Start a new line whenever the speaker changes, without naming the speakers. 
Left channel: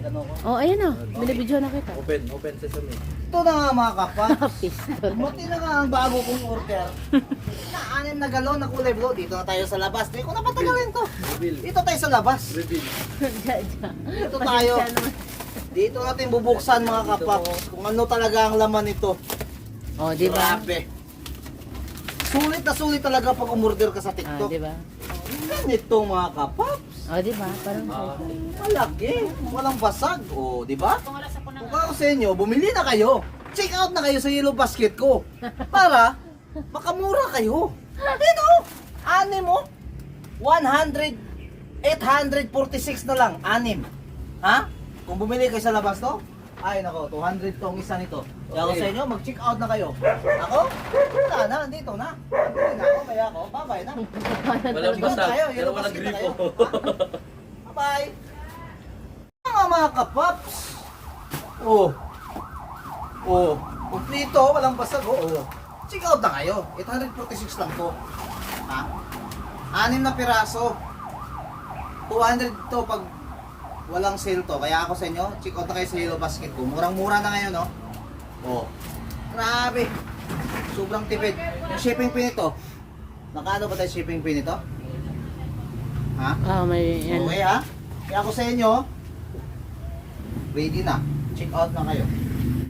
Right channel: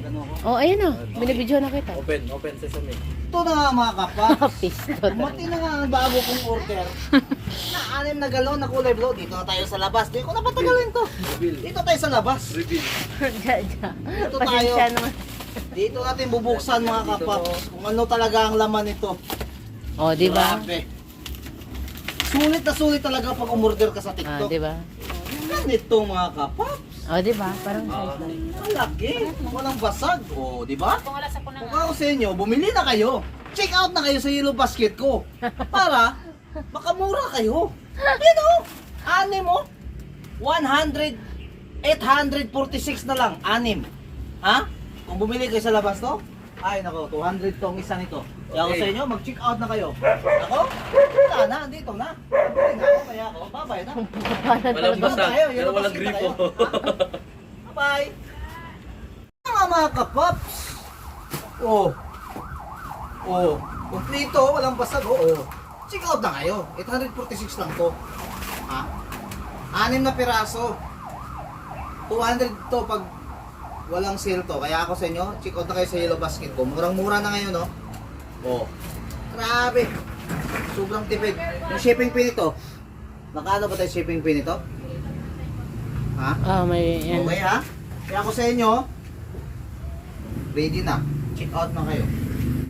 Magano ko?
Oh, ayan o. Binibidyo na kita.
Open, open sesame.
Ito na nga mga kapaps.
Piston.
Mati na nga ang bago kong order. na anim na galon na kulay blue. Dito na tayo sa labas. Di ko na patagalin to.
Reveal.
Dito tayo sa labas.
Reveal.
Dito tayo.
Pasensya naman.
Dito natin bubuksan mga kapaps. Kung ano talaga ang laman nito.
Oh, di ba?
Grabe. Sulit na sulit talaga pag umorder ka sa
Ah,
TikTok.
di ba?
Ganito mga kapaps.
Oh, di ba? Parang
Ah.
Malaki. Walang basag. O, di ba? Kung ako sa inyo, bumili na kayo. Check out na kayo sa Yellow Basket ko. Para makamura kayo. Yan o. Anim o. 100, 846 na lang. Anim. Ha? Kung bumili kayo sa labas to, ay nako, 200 tong isa nito. Kaya ako
Okay.
sa inyo, mag-check out na kayo. Ako? Wala na, dito na. Bumili na kaya ako, bye-bye na.
Walang basag,
tayo,
pero
yellow
walang
na
gripo.
Bye-bye! Mga mga kapaps! Oh. Oh. Kumplito, walang basag. Oo. Oh. Check out na kayo. 846 lang to. Ha? Anim na piraso. 200 to pag walang sale to. Kaya ako sa inyo, check out na kayo sa Yellow Basket ko. Murang-mura na ngayon, no? Oh. Grabe. Sobrang tipid. Yung shipping fee nito, Nakano ba tayo shipping fee nito? Ha?
Oh, may yan.
Okay ha? Kaya ako sa inyo, ready na. Check out na kayo.